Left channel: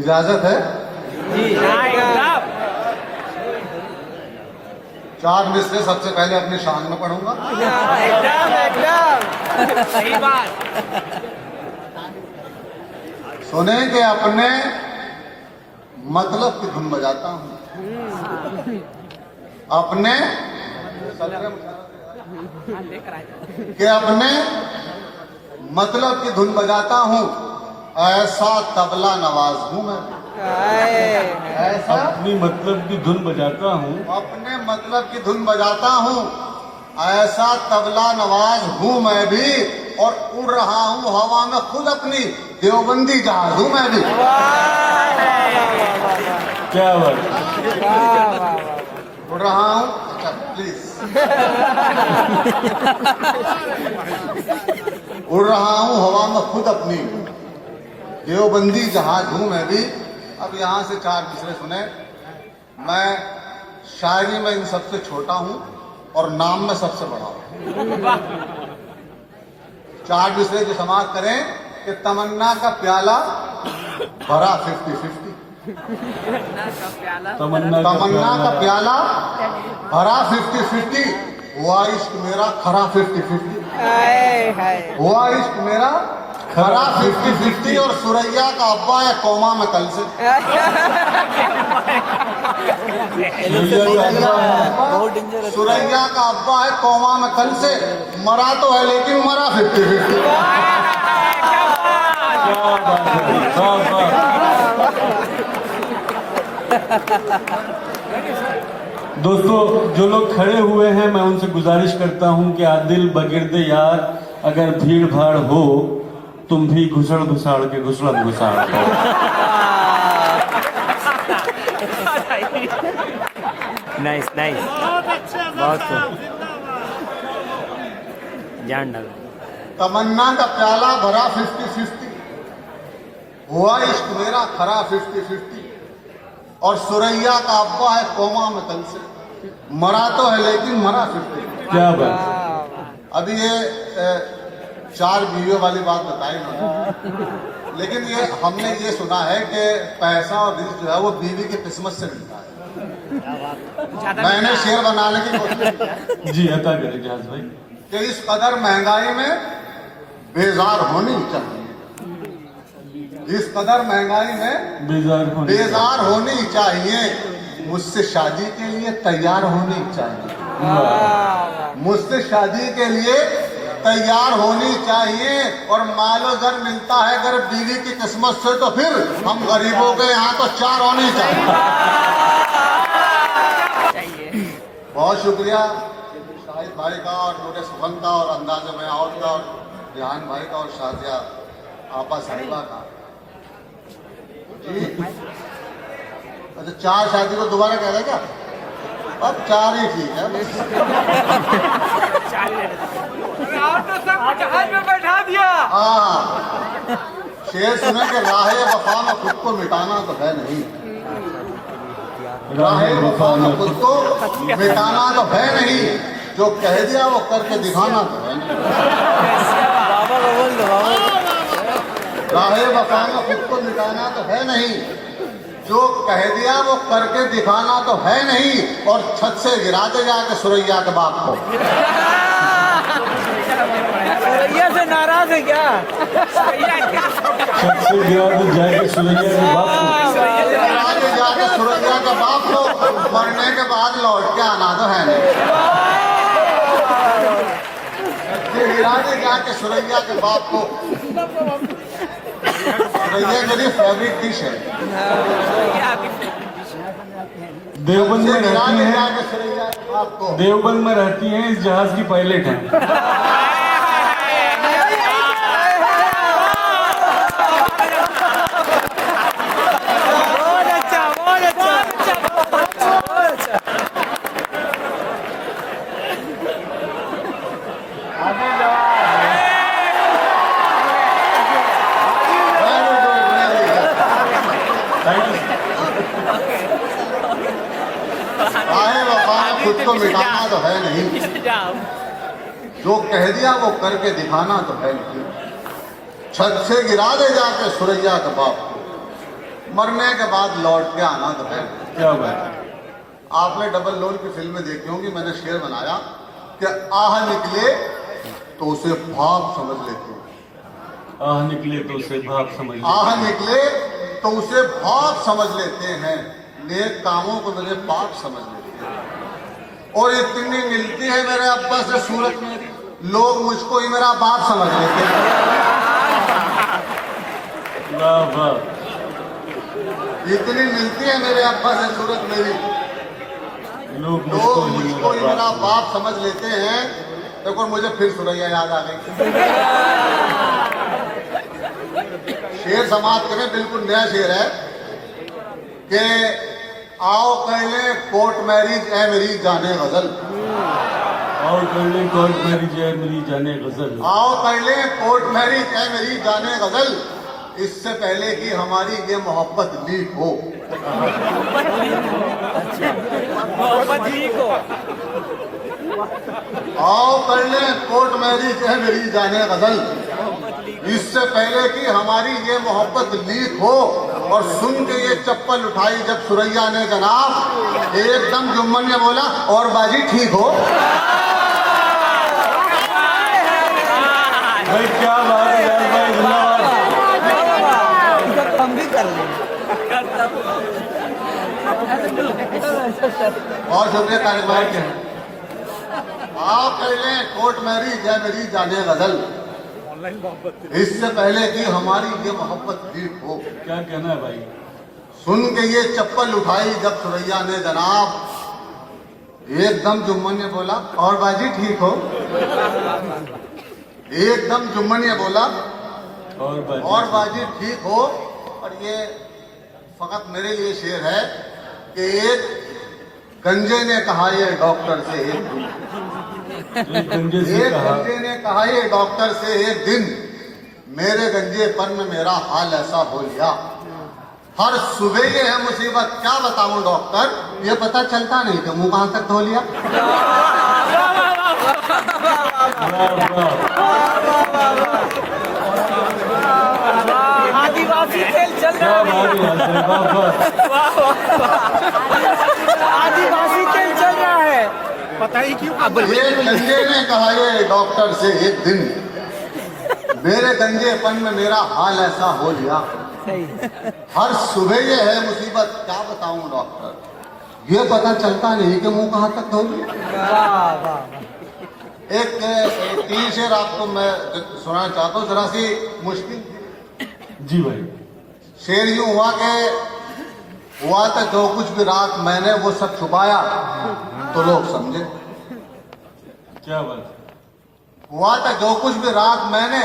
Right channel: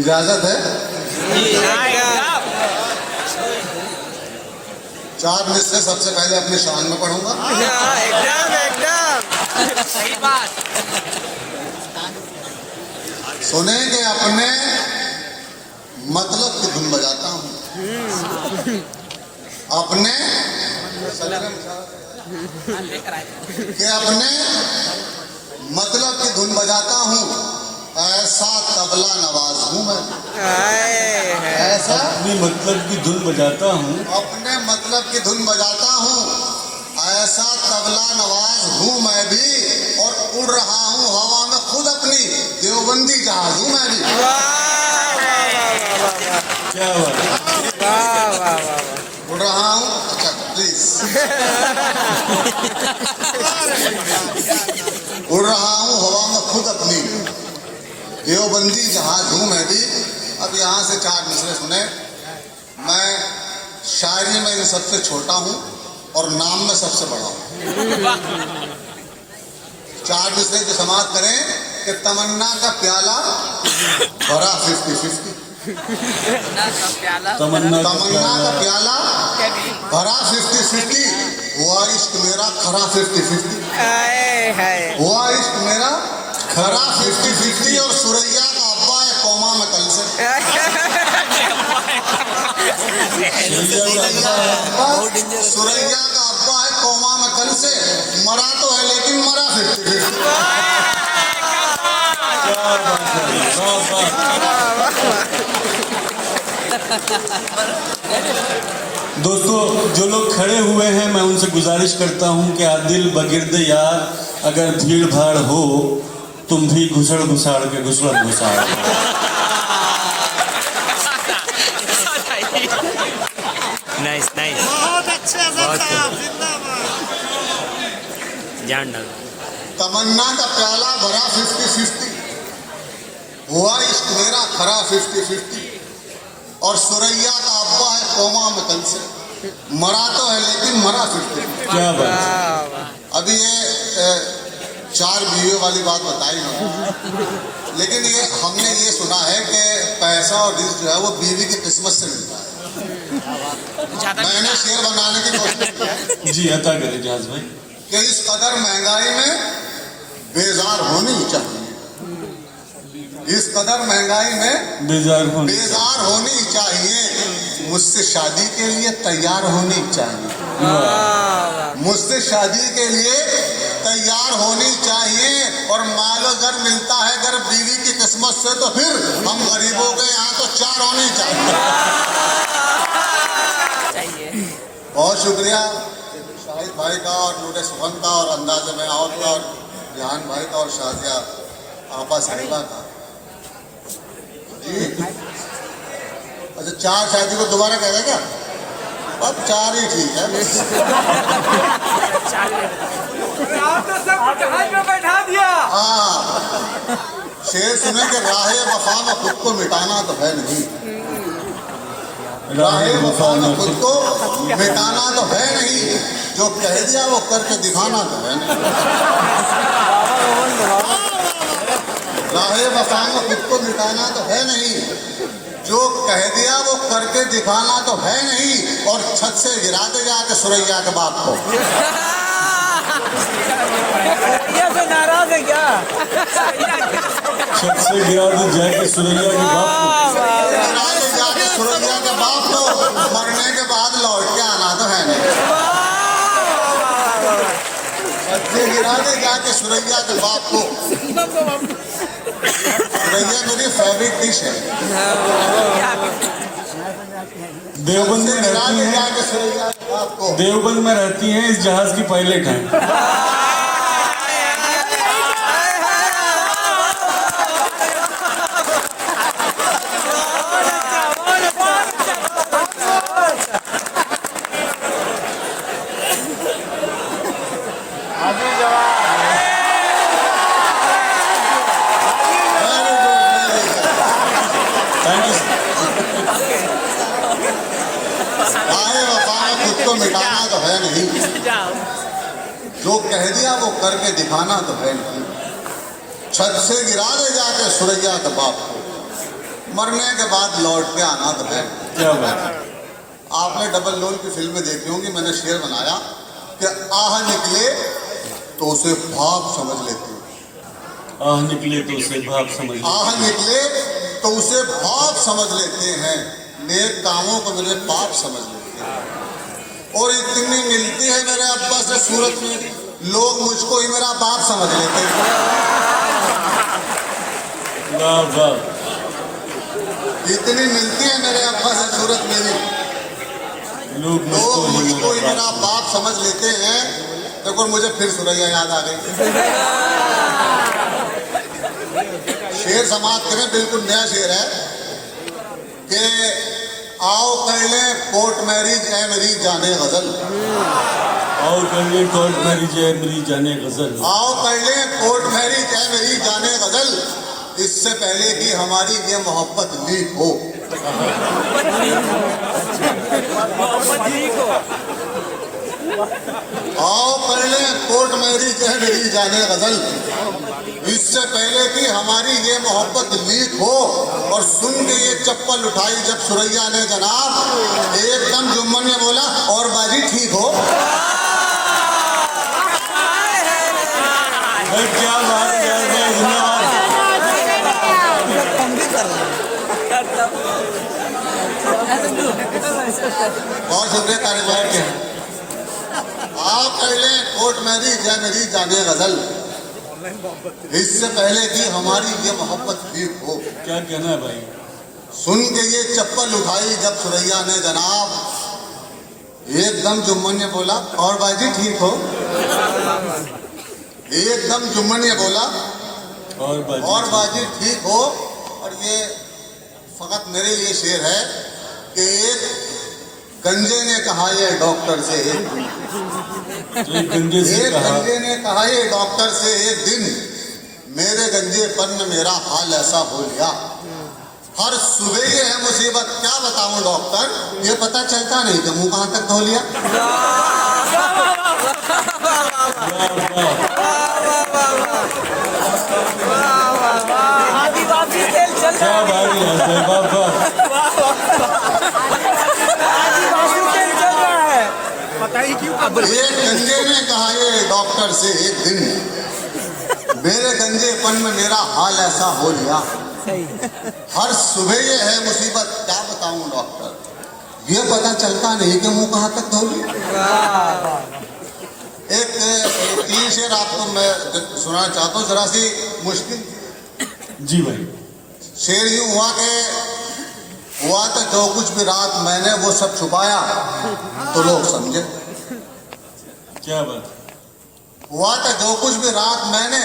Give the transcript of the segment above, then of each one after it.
इजाजत है चार मिसरे सबसे पहले अपने शान में पढ़ूंगा। एकदम सही बात। सुनेंगे अपने मतलब की धुन बजाता हूँ, अपने कि अपने मतलब की धुन बजाता हूँ, ऐसा तबला नवाज हूँ मैं। ऐसा अपनी मतलब की धुन बजाता हूँ, अपने मतलब की धुन बजाता हूँ, ऐसा तबला नवाज हूँ मैं भी, और उड़ रहा हूँ हवा में खुद अपनी देवबंदी जहाज हूँ मैं भी। क्या बात। उड़ रहा हूँ, अच्छा प्लीज उड़ रहा हूँ हवा में खुद अपनी देवबंदी जहाज हूँ मैं भी। अब यहाँ से चार मिसरे सुने। मैं शायरी में इन सबसे छोटा हूँ और नाम में सबसे बड़ा हूँ। चार मिसरे जो समाप्त करें कि तमन्ना का प्याला भरा 50-50। तमन्ना तमन्ना का प्याला भरा 50-50, हुआ इश्क मेरा खरा 50-50। हुआ इश्क मेरा खरा 50-50, और सुरैया का अब्बा है कौमा में कल से। सुरैया का अब्बा है कौमा में कल से, मरा तो है लेकिन मरा 50-50। दोस्तों, जो लोग खड़े हुए हैं मैं उनसे गुजारिश करता हूं कि आदिल बगिर्द यार, अगर भीड़ भाड़ हो तुम भी घुसड़ घुसाड़ के घुसड़ घुसाड़ हो। नाइस नाइस, बहुत जान डाल। तमन्ना का प्याला भरा 50-50, हुआ इश्क मेरा खरा 50-50, और सुरैया का अब्बा है कोमा में कल से, मरा तो है लेकिन मरा 50-50। क्या बात। अभी ये चार बीवियों वाली बात बताई ना, लेकिन ये हमने ये सुना है कि पैसा और रिस्क जो है वो बीवी की किस्मत से मिलता है। मैंने शेर बनाने की कोशिश की जी अता करें जहाज भाई कि इस कदर महंगाई में बेजार होनी चाहिए, इस कदर महंगाई में बेजार होनी चाहिए, मुझसे शादी के लिए तैयार होनी चाहिए, मुझसे शादी के लिए तैयार होनी चाहिए। और मालो घर मिलता है अगर बीवी की किस्मत से, तो फिर हम गरीबों के यहाँ तो चार होनी चाहिए। बहुत शुक्रिया शाहिद भाई का और नूरे सुमन का और अंदाज़े में आओ का और रिहान भाई का और शाजिया आपा साहिबा का। अच्छा, चार शादी को दोबारा कह रहे क्या? अब चार ही ठीक है बस। हाँ, शेर सुने कि राहे वफा में खुद को मिटाना तो है नहीं, राहे वफा में खुद को मिटाना तो है नहीं, जो कह दिया वो करके दिखाना तो है नहीं। राहे वफा में खुद को मिटाना तो है नहीं, जो कह दिया वो करके दिखाना तो है नहीं, और छत से गिराते जाके सुरैया के बाप को। ये से नाराज है क्या? छत से गिरा दे जाके सुरैया के बाप को, गिराते जाके सुरैया के बाप को, मरने के बाद लौट के आना तो है नहीं। छत से गिराते जाके सुरैया के बाप को। सुरैया मेरी फेवरेट डिश है। देवबंद में रहती गिराते हैं, जाके सुरैया के बाप को। देवबंद में रहती हैं, इस जहाज की पायलट हैं। राहे वफा में खुद को मिटाना तो है नहीं, जो कह दिया वो करके दिखाना तो है नहीं। छत से गिरा दे जाके सुरैया के बाप को। मरने के बाद लौट के आना दबे। क्या बात है। आपने डबल लोन की फिल्में देखी होंगी, मैंने शेर बनाया कि आह निकले तो उसे भाप समझ लेते हैं। आह निकले तो उसे भाप समझ लेते आह निकले तो उसे भाप समझ लेते हैं, नेक कामों को मेरे पाप समझ लेते हैं। और इतनी मिलती है मेरे अब्बा से सूरत में, लोग मुझको ही मेरा बाप समझ लेते हैं। वाह वाह। इतनी मिलती है मेरे अब्बा से सूरत में भी, लोग लोग मुझको ही मेरा बाप बाप समझ लेते हैं। देखो मुझे फिर सुरैया याद आ गई। शेर समाप्त करें, बिल्कुल नया शेर है कि आओ कर ले कोर्ट मैरिज है मेरी जाने गजल। और कर ले कोर्ट मैरिज है मेरी जाने गजल। आओ कर ले कोर्ट मैरिज है मेरी जाने गजल, इससे पहले कि हमारी ये मोहब्बत लीक हो। आओ कर ले कोर्ट मैरिज है मेरी जाने गजल, इससे पहले कि हमारी ये मोहब्बत लीक हो। और सुन के ये चप्पल उठाई जब सुरैया ने जनाब, एकदम जुम्मन ने बोला और बाजी ठीक हो। भाई क्या बात है यार, भाई धन्यवाद। बहुत शुक्रिया कार्यक्रम के। आप कह लें कोर्ट मैरिज है मेरी जाने गजल, इससे पहले कि हमारी ये मोहब्बत लीक हो। क्या कहना है भाई। सुन के ये चप्पल उठाई जब सुरैया ने जनाब, एकदम जुम्मन ने बोला और बाजी ठीक हो। एकदम जुम्मन ने बोला और बाजी ठीक हो। और ये फकत मेरे लिए शेर है कि एक गंजे ने कहा ये डॉक्टर से एक गंजे से एक कहा, गंजे ने कहा ये डॉक्टर से एक दिन, मेरे गंजेपन में मेरा हाल ऐसा हो लिया। हर सुबह ये है मुसीबत, क्या बताऊं डॉक्टर, ये पता चलता नहीं कि मुंह कहां तक धो लिया। आदिवासी खेल चल क्या रहा है। बात है आदिवासी खेल चल रहा है। ये गंजे ने कहा ये डॉक्टर से एक दिन, मेरे गंजेपन में मेरा हाल ऐसा हो लिया। हर सुबह ये है मुसीबत, क्या बताऊं डॉक्टर, ये पता चलता नहीं कि मुंह कहां तक धो लिया। एक तीन शेर आपको मैं सुनाना चाहता हूँ, जरा सी मुश्किल थी। जी भाई। शेर यूं हुआ था जो कुछ भी रात मैंने वो सब छुपाया तो लोग समझे। क्या बात। हुआ था जो कुछ भी रात मैंने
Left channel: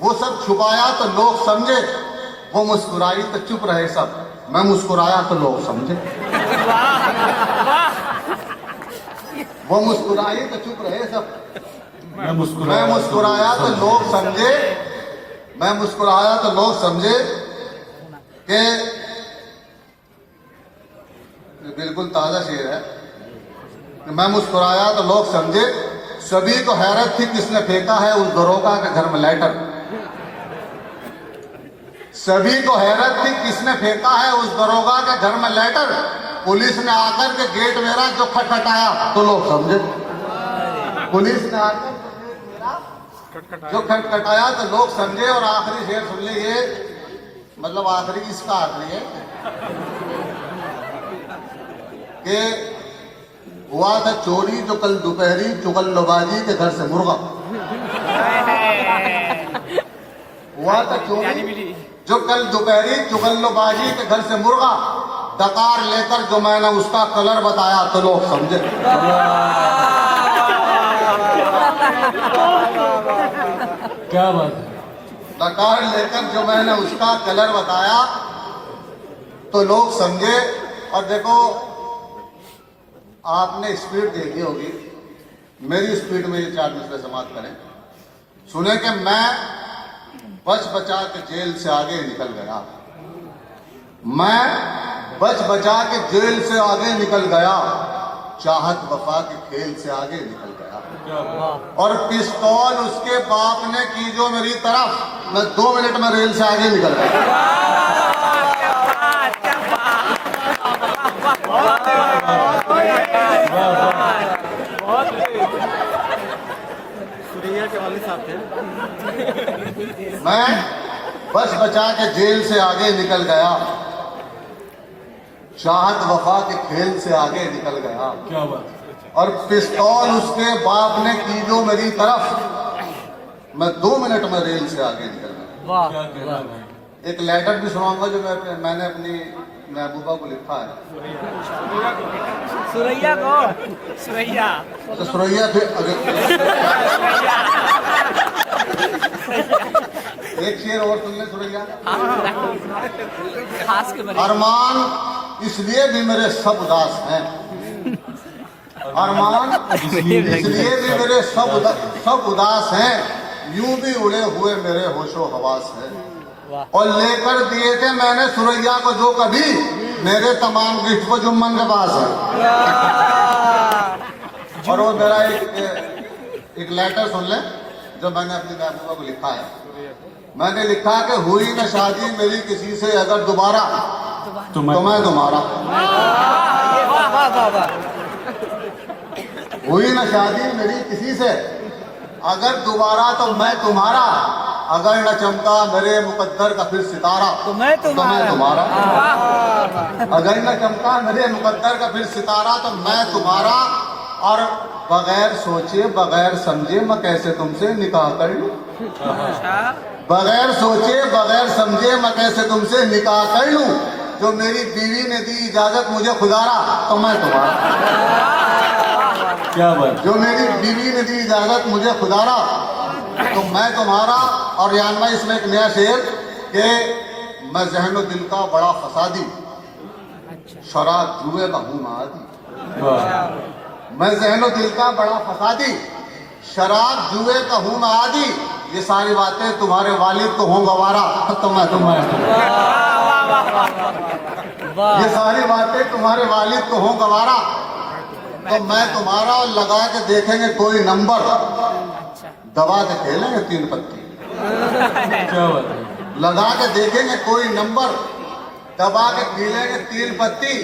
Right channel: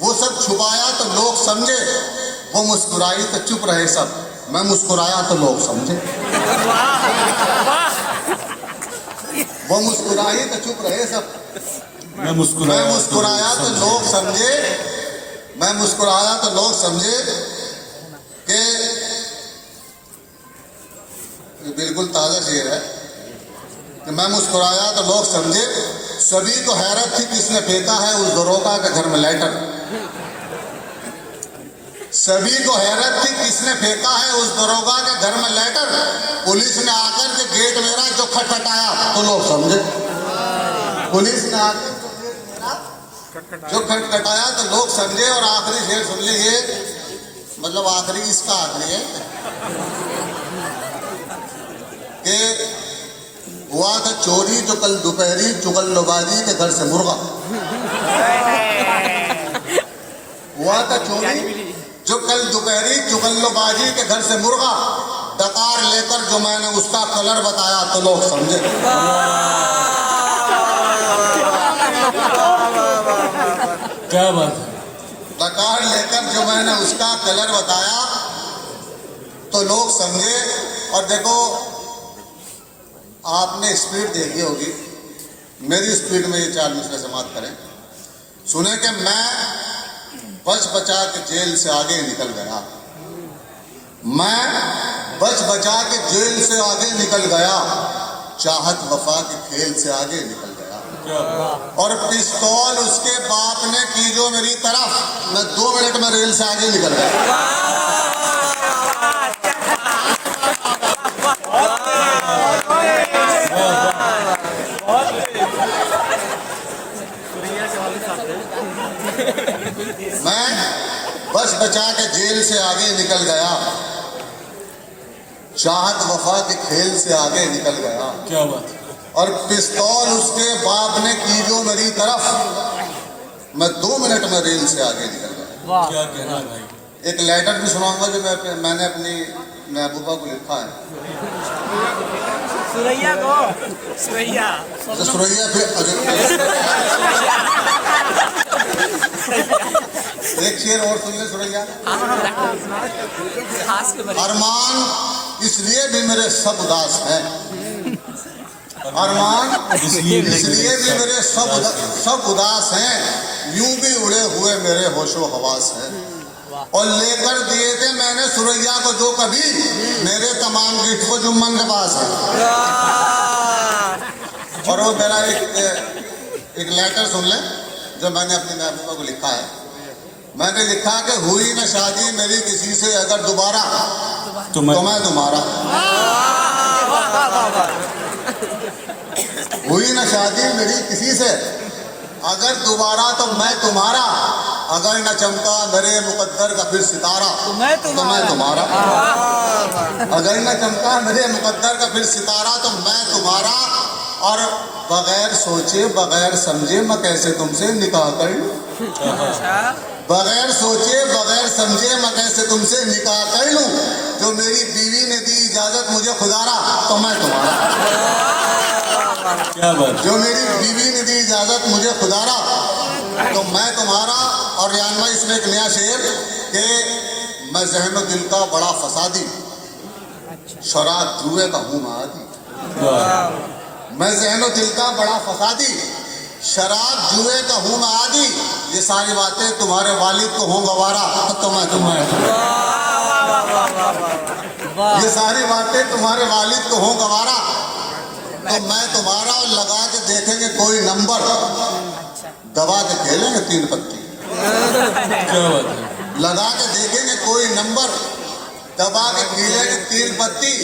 वो सब छुपाया तो लोग समझे। वो मुस्कुराई तो चुप रहे सब, मैं मुस्कुराया तो लोग समझे। वो मुस्कुराई तो चुप रहे सब, मैं मुस्कुराया तो लोग समझे। मैं मुस्कुराया तो लोग समझे कि बिल्कुल ताजा शेर है कि मैं मुस्कुराया तो लोग समझे। सभी को हैरत थी किसने फेंका है उस दरोगा के घर में लाइटर। सभी को हैरत थी किसने फेंका है उस दरोगा के घर में लाइटर। पुलिस ने आकर के गेट मेरा जो खटखटाया तो लोग समझे। पुलिस ने आकर के गेट मेरा जो खटखटाया तो लोग समझे। और आखिरी शेर सुन लीजिए, मतलब आखिरी इसका आखिरी है कि हुआ था चोरी जो कल दोपहरी चुगलबाजी के घर से मुर्गा। हुआ था चोरी जो कल दोपहरी चुगलबाजी के घर से मुर्गा। डकार लेकर जो मैंने उसका कलर बताया तो लोग समझे। क्या बात है। डकार लेकर जो मैंने उसका कलर बताया तो लोग समझे। और देखो आपने स्पीड देखी होगी, मेरी स्पीड में ये 4 मिनट समाप्त करें। सुने कि मैं बच बचा के जेल से आगे निकल गया। मैं बच बचा के जेल से आगे निकल गया। चाहत वफा के खेल से आगे निकल गया। और पिस्तौल उसके बाप ने की जो मेरी तरफ, मैं 2 मिनट में रेल से आगे निकल गया। बचा के जेल से आगे निकल गया, चाहत वफा के खेल से आगे निकल गया। क्या बात है। और पिस्तौल उसके बाप ने की जो मेरी तरफ, मैं 2 मिनट में रेल से आगे निकल गया। क्या कहना है भाई। एक लेटर भी सुनाऊंगा जो मैंने अपनी महबूबा को लिखा है। सुरैया को सुरैया तो सुरैया एक शेर और सुन ले सुरैया। खास के बड़े अरमान इसलिए भी मेरे सब उदास हैं, अरमान इसलिए भी मेरे सब उदास हैं, यूं भी उड़े हुए मेरे होशो हवास हैं। और लेकर दिए थे मैंने सुरैया को जो कभी, मेरे तमाम गिफ्ट को जुम्मन के पास है। और वो मेरा एक लेटर सुन ले जो मैंने अपनी महबूबा को लिखा है। मैंने लिखा कि हुई न शादी मेरी किसी से अगर दोबारा तो मैं तुम्हारा। हुई न शादी मेरी किसी से अगर दोबारा तो मैं तुम्हारा, अगर न चमका मेरे मुकद्दर का फिर सितारा तो मैं तुम्हारा। अगर न चमका मेरे मुकद्दर का फिर सितारा तो मैं तुम्हारा। और बगैर सोचे बगैर समझे मैं कैसे तुमसे निकाह कर लूं, बगैर सोचे बगैर समझे मैं कैसे तुमसे निकाह कर लूं। जो मेरी बीवी ने दी इजाजत मुझे खुदारा तो मैं तुम्हारा। क्या बात। जो मेरी बीवी ने दी इजाजत मुझे खुदारा तो मैं तुम्हारा। और जानना इसमें एक नया शेर कि मैं ज़हनो दिल का बड़ा फसादी, शराब जुए का हूँ मादी। मैं ज़हनो दिल का बड़ा फसादी, शराब जुए का हूँ मादी। ये सारी बातें तुम्हारे वालिद को हूँ गवारा तो मैं तुम्हारा। ये सारी बातें तुम्हारे वालिद को हूँ गवारा तो मैं तुम्हारा। और लगा के देखेंगे कोई नंबर, दबा के खेलेंगे 3 पत्ती। क्या बात है। लगा के देखेंगे कोई नंबर, दबा के खेलेंगे 3 पत्ती।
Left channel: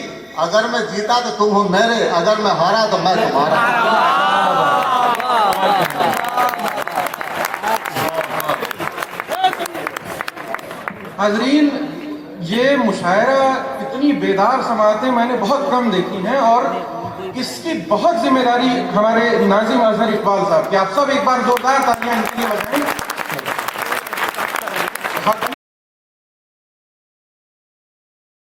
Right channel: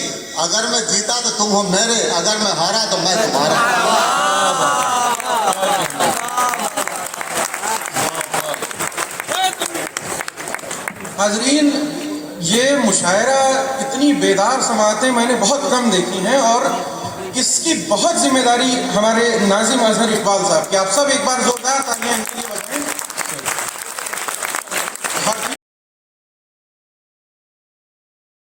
अगर मैं जीता तो तुम हो मेरे, अगर मैं हारा तो मैं तुम्हारा। हाजरीन, ये मुशायरा इतनी बेदार समातें मैंने बहुत कम देखी हैं और इसकी बहुत जिम्मेदारी हमारे नाज़िम अजहर इकबाल साहब की। आप सब एक बार जोरदार तालियां इनके लिए बजाएं।